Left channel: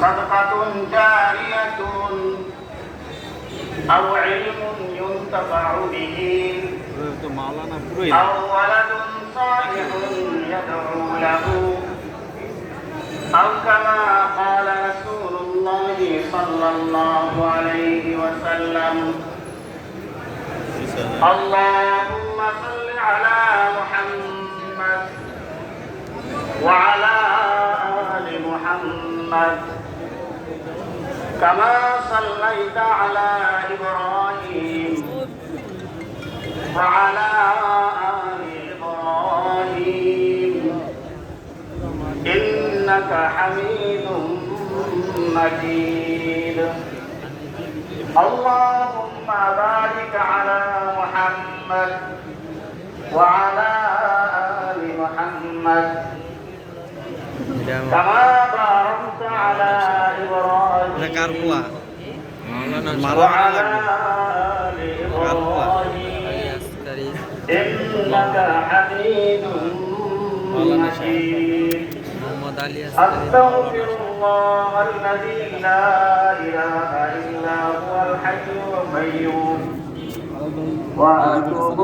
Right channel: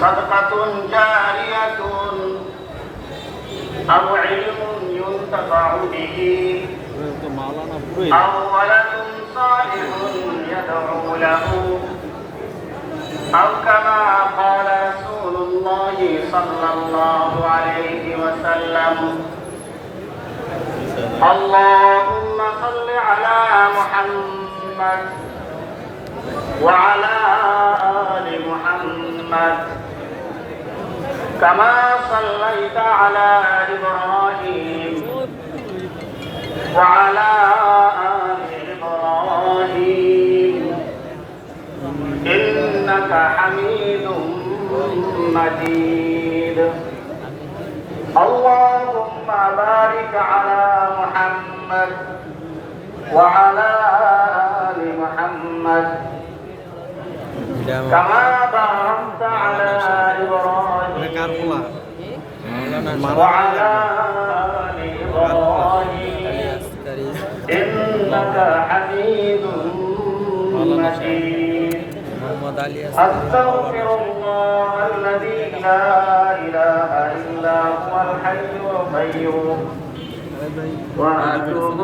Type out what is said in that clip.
صدقة جارية أو علم ينتفع به أو ولد صالح يدعو له أو كما قال رسول الله صلى الله عليه وسلم اللهم صل على محمد وعلى آل محمد كما صليت على إبراهيم وعلى آل إبراهيم إنك حميد مجيد اللهم بارك على محمد وعلى آل محمد كما باركت على إبراهيم وعلى آل إبراهيم إنك حميد مجيد أستغفر الله الذي لا إله إلا هو الحي القيوم وأتوب